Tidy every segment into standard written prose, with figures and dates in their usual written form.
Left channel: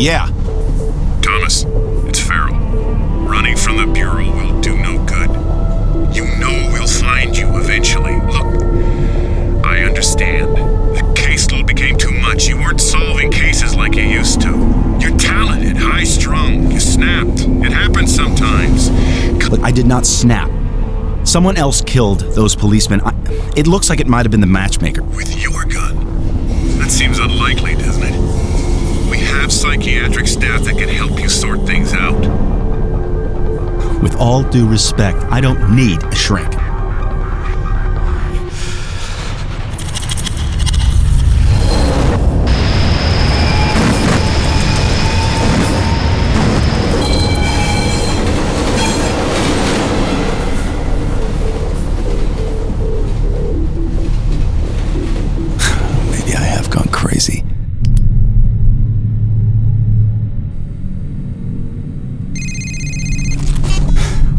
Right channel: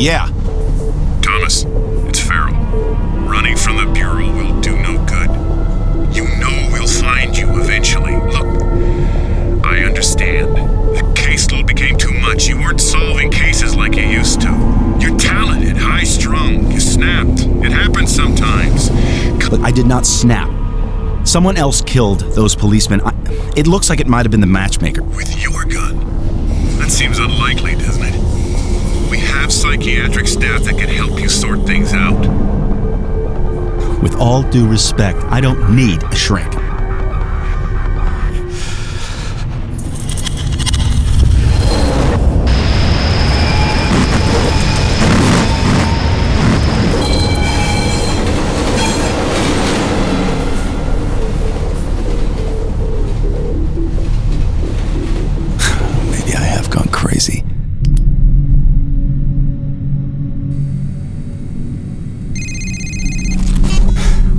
Yeah. Thomas, it's Farrell. Running from the Bureau will do no good. You know we'll find you eventually. Look, I understand. The caseload became too much. You weren't solving cases like you used to. You're talented, high-strung. You snapped. It happens sometimes. Look, I did not snap. Someone else killed those policemen. It looks like it might have been the matchmaker. With your gun? That seems unlikely, doesn't it? We have psychiatric staff that can help you sort things out. With all due respect, I don't need a shrink. Maybe I have gone crazy.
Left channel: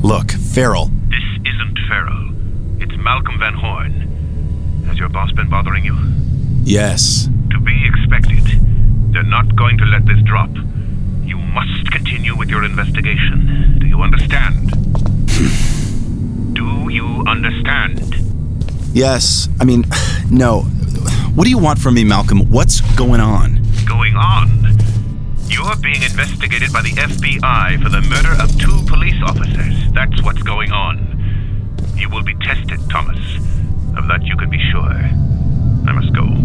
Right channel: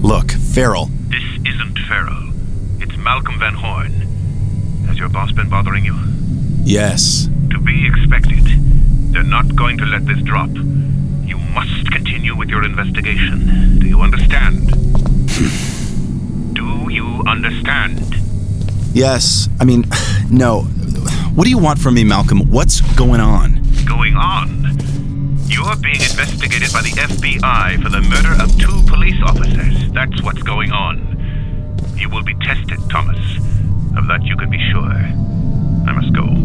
Look, Farrell. This isn't Farrell. It's Malcolm Van Horn. Has your boss been bothering you? Yes. To be expected. They're not going to let this drop. You must continue with your investigation. Do you understand? Do you understand? Yes. I mean, no. What do you want from me, Malcolm? What's going on? Going on? You're being investigated by the FBI for the murder of 2 police officers. That's what's going on. You will be tested, Thomas. Of that you can be sure. I must go.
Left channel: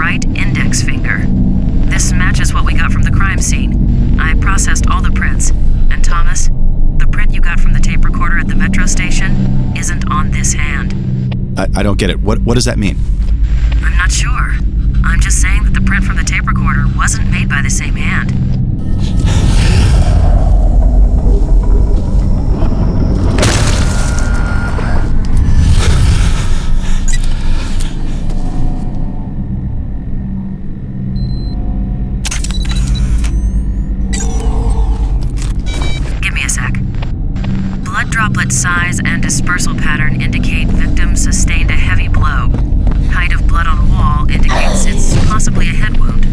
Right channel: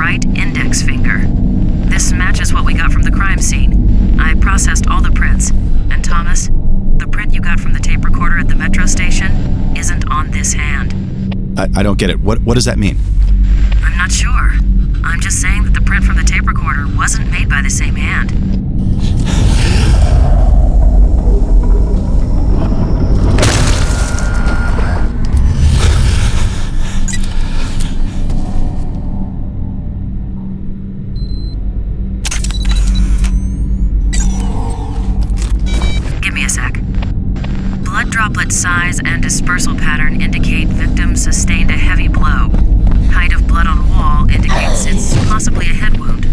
right index finger. This matches what we got from the crime scene. I processed all the prints. And Thomas, the print you got from the tape recorder at the metro station isn't on this hand. I don't get it. What does that mean? I'm not sure. I'm just saying that the print from the tape recorder wasn't made by the same hand. Give me a sec. Blood droplet size and dispersal pattern indicate victim sustained a heavy blow. Height of blood on wall indicates it's possibly a head wound.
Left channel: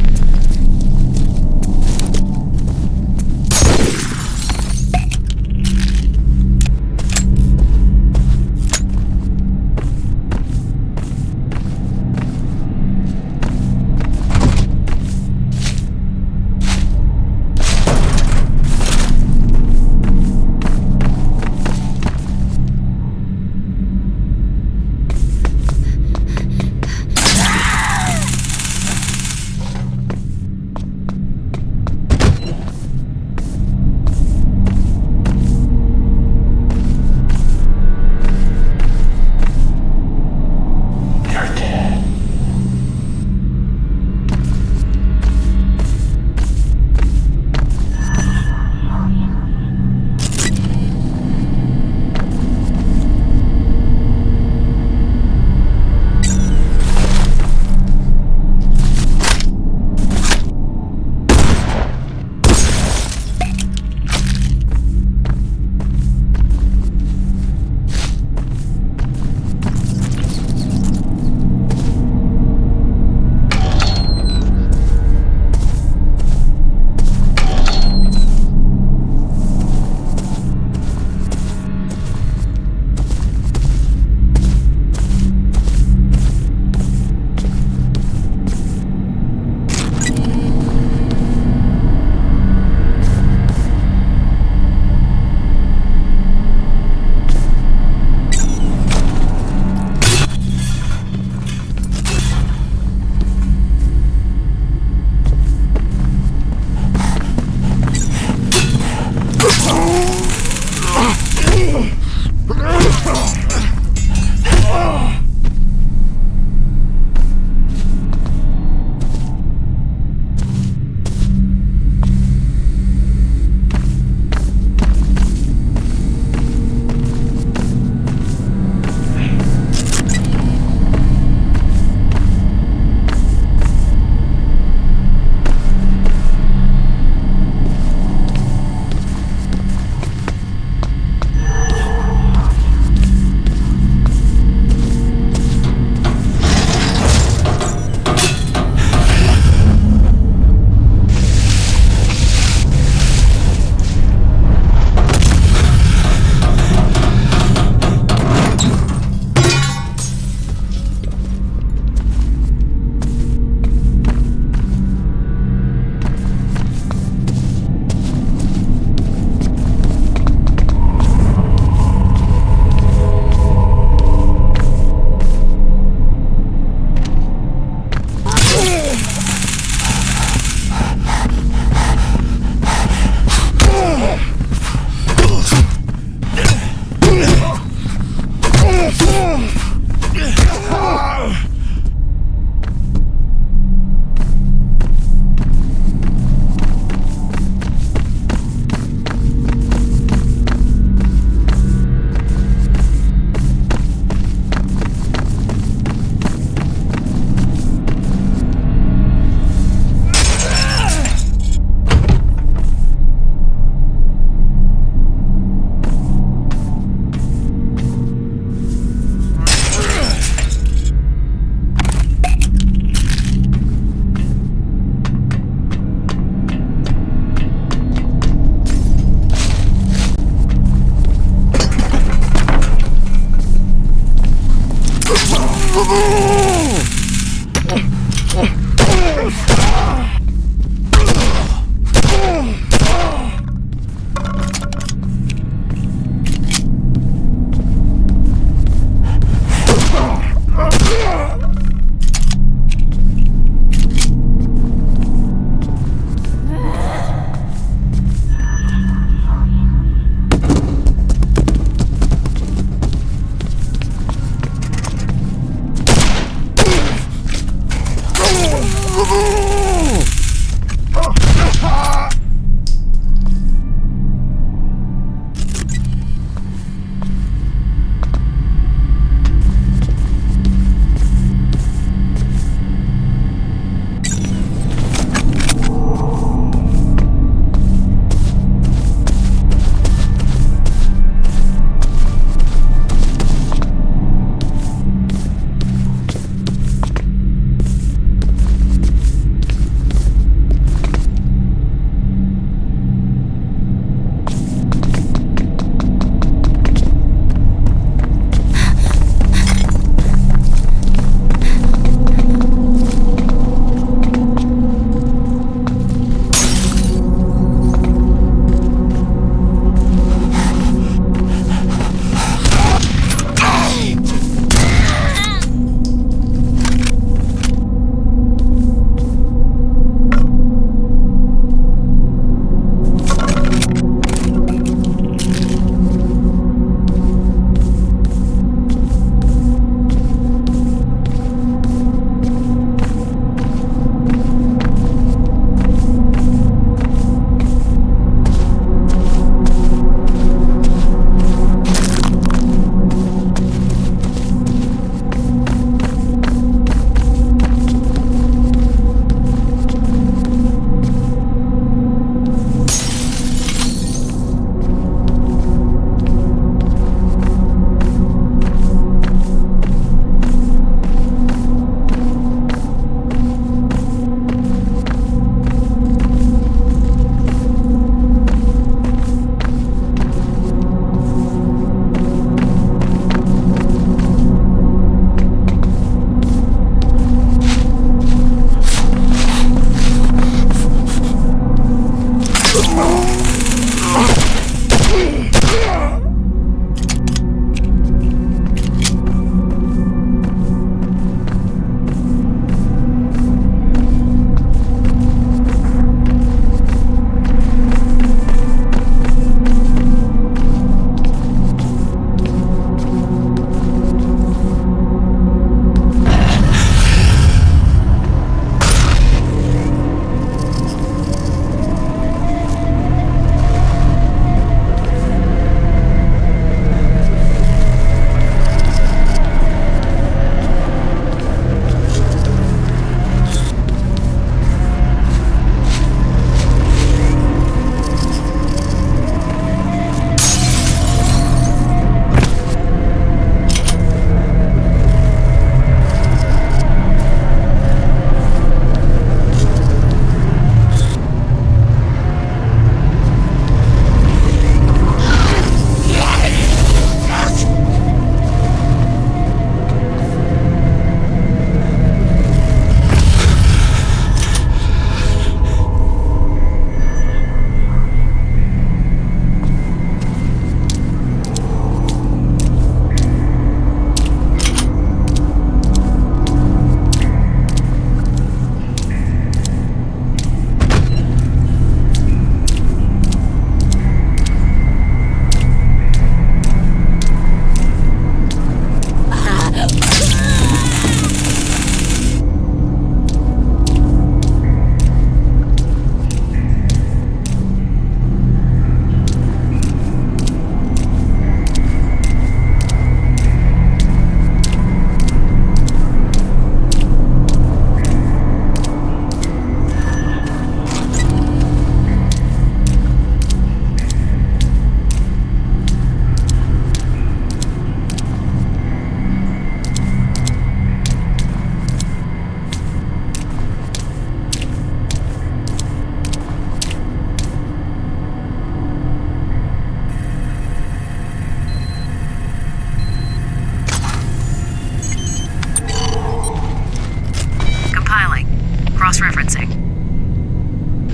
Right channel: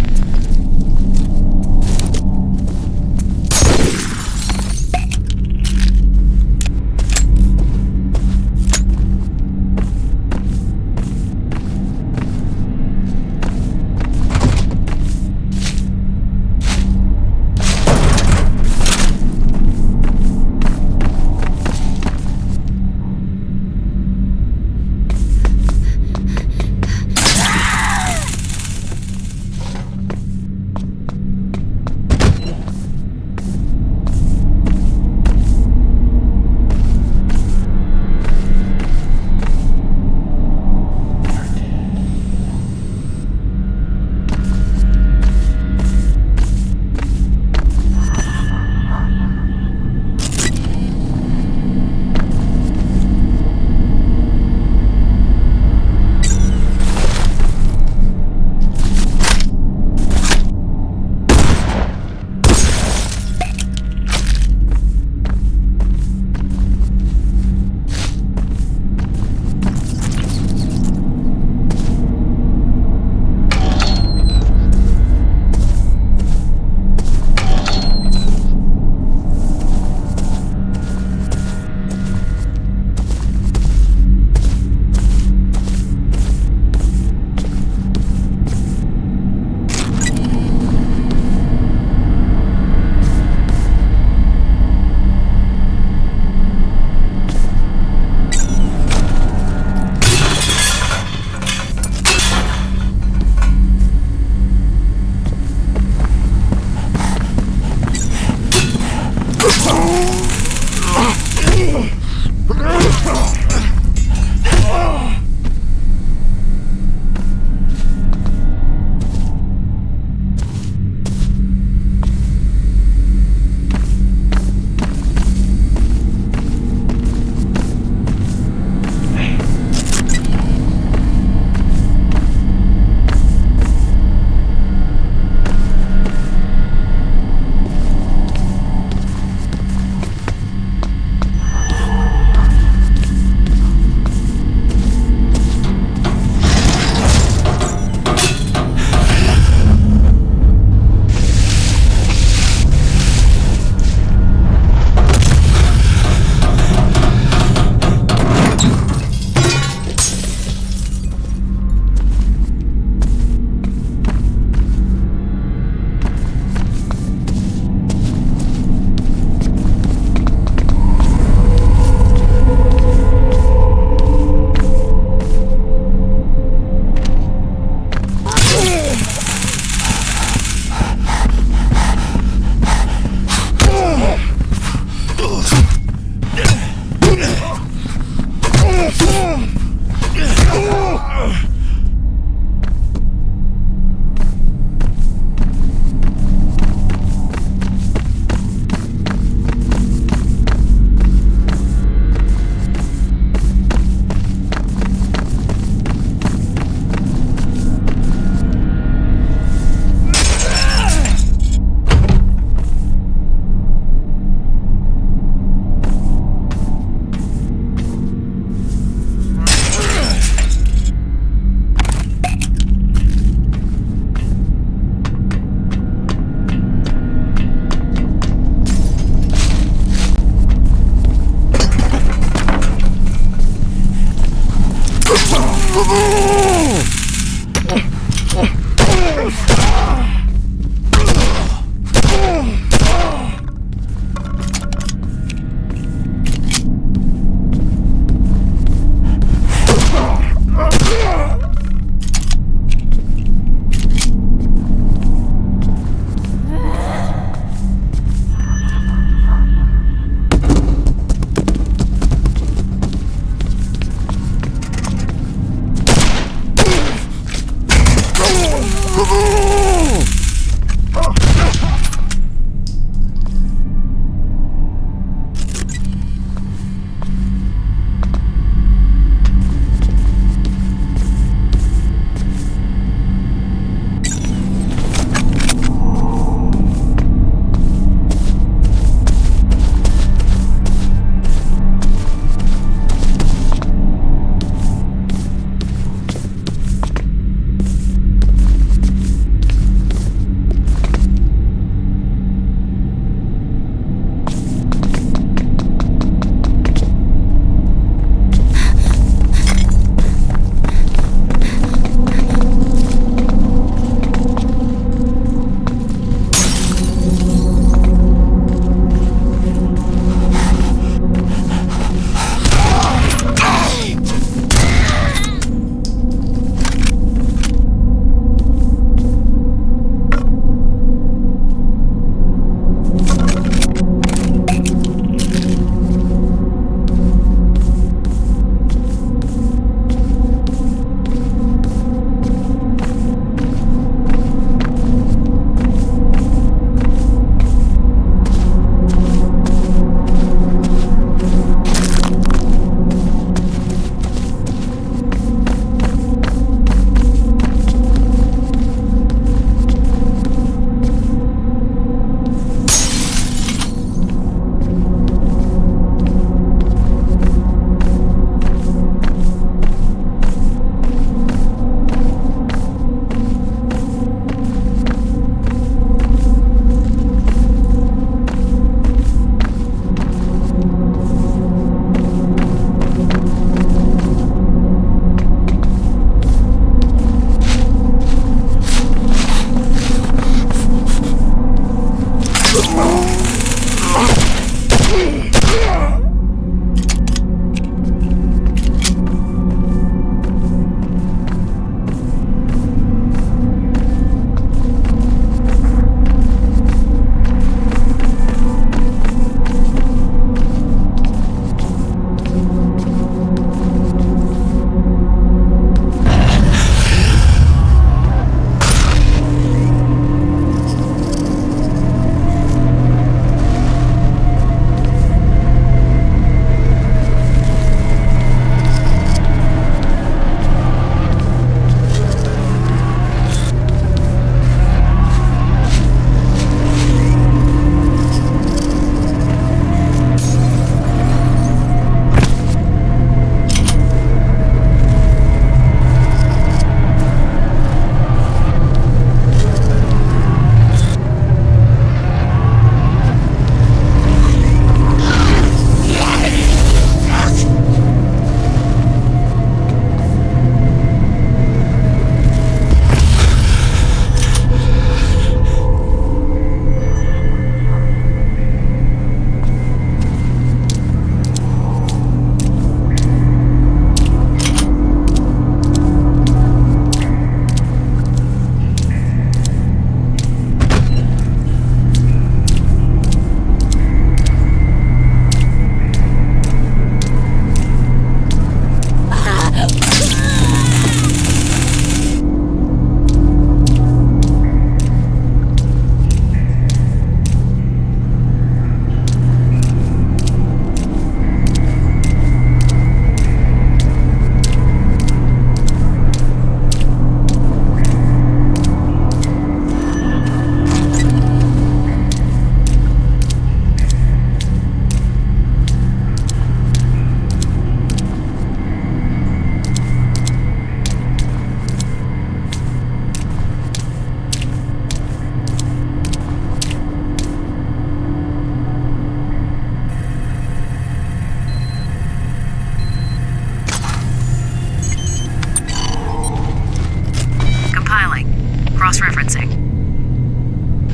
Cross-referencing.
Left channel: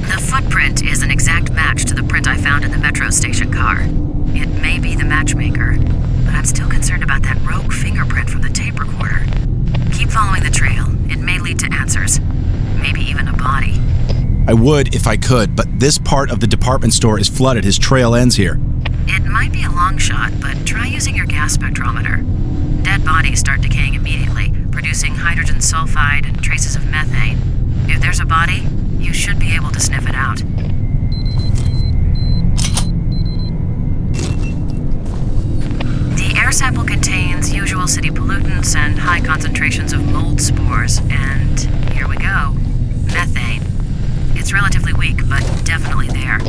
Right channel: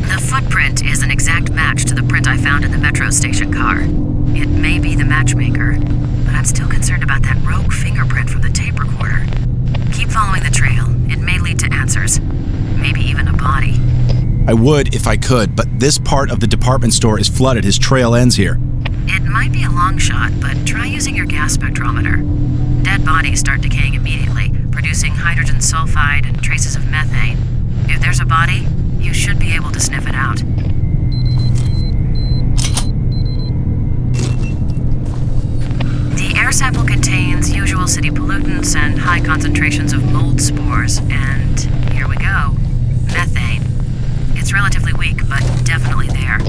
The footprint is an exact match to the print I found in the metro station car. It may be the matchmaker, but I'm still concerned about that rogue fingerprint from the tape recorder. Keep following the trail. It may lead to answers. Maybe even a body. I would if I could, but this part of the department store is flooded. His trail ends here. It might be a long shot, but try using your gas spectrometer. Dead bodies start decaying immediately, producing hydrogen sulfide and traces of methane. If there's a body, you should be able to sniff it out. The air sample contains usual city pollutants and high concentrations of mold spores, and here we go. Methane. It's relatively weak, but definitely there.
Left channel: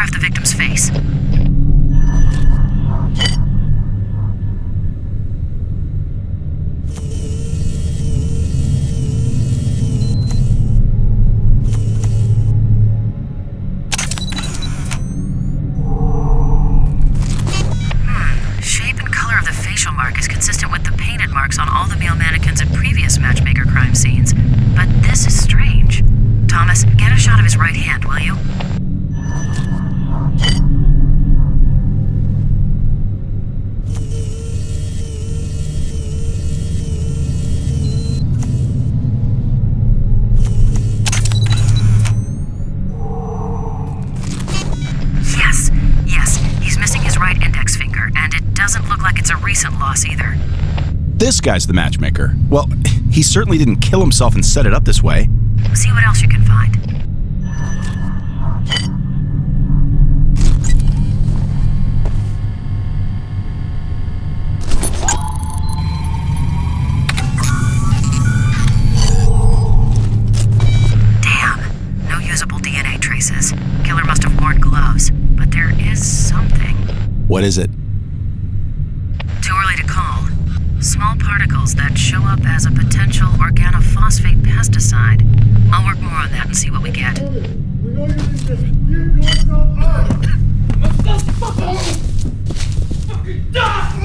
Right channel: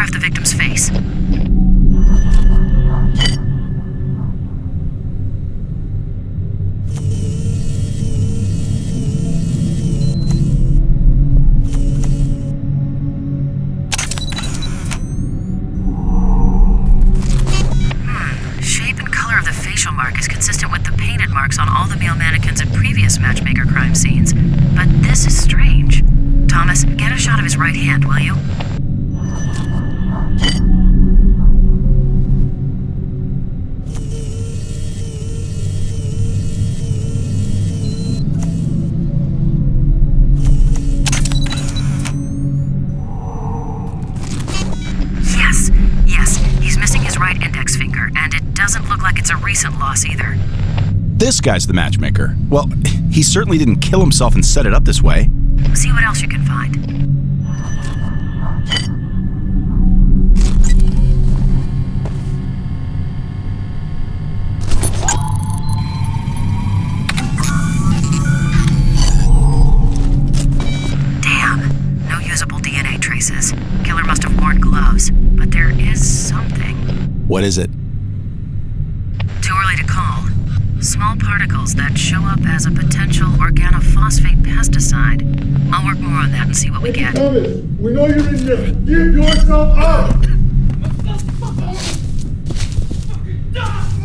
photograph the victim's face. Shape and color of the facial mark is consistent with the painted marks on all the male mannequins at previous matchmaker crime scenes. But this is strange. Thomas, get a shot of his right hand, will you? Yes, he's missing his right index finger, and it doesn't look like it's a recent loss either. This guy's the matchmaker. Well, he certainly didn't kill himself and set it up this way. See what else you can find. Damn, no usable DNA traces. Killer must have worn gloves, but there is something. What is it? Too early to call. Small particles that show up as a potential organophosphate pesticide. I'll work more on that and see what we get. We know you're in there. Give yourself up! Let's the fuck out! Fucking die!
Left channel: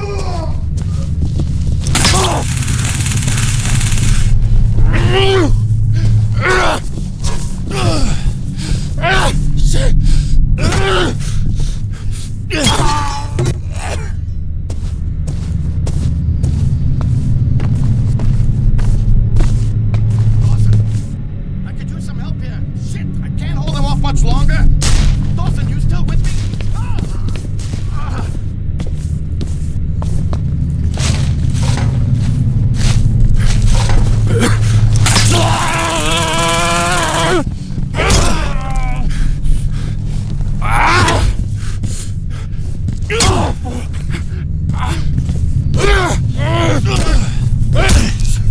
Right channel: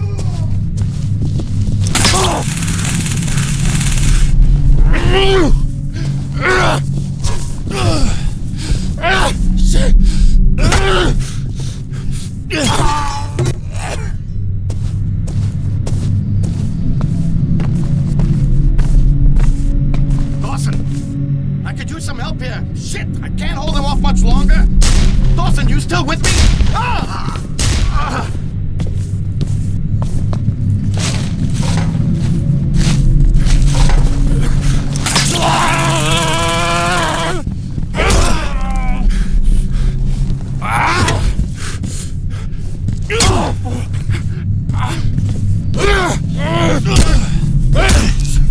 Shit! Some help here. Shit, I can't hold him off much longer. Dawson, you still with me?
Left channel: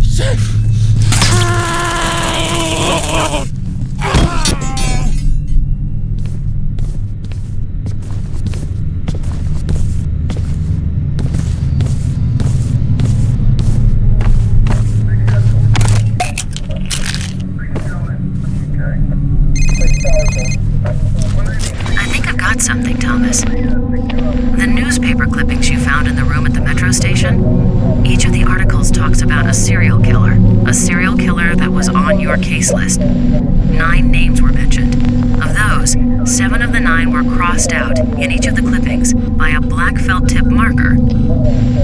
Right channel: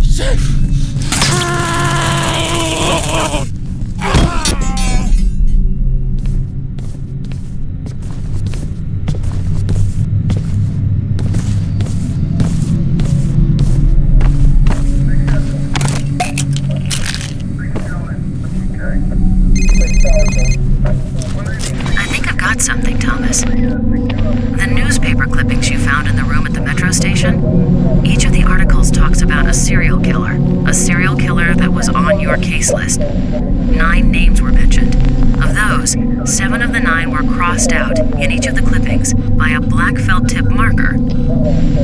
Shit. I think I've got something, Thomas. The newspaper clippings you found in the room at the metro station, each of the articles talks about a serial killer that was on your case list. 9 names were mentioned. Of those, 7 of the 9 were crossed out in each of the clippings by a black felt tip marker.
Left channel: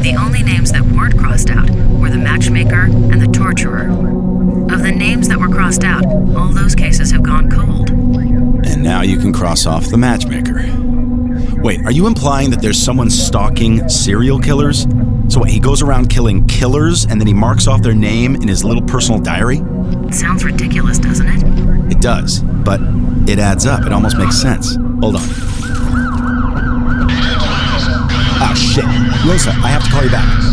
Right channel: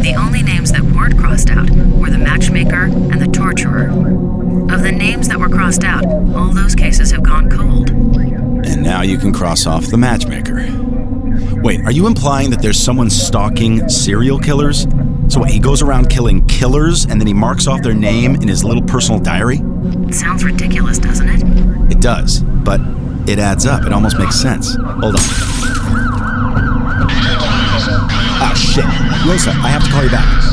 The only names that weren't crossed out were the matchmaker and the torturer. Of the names that were crossed out, all those cases have gone cold. And now you can cross off the matchmaker. Wait, are you implying that there's someone stalking serial killers? So what, he goes around killing killers and then he marks off their name in his little personal diary? Sounds ridiculous, doesn't it? It does, but it adds up. It almost makes sense. Hold on. Ah, shit. Listen, I have to call you back.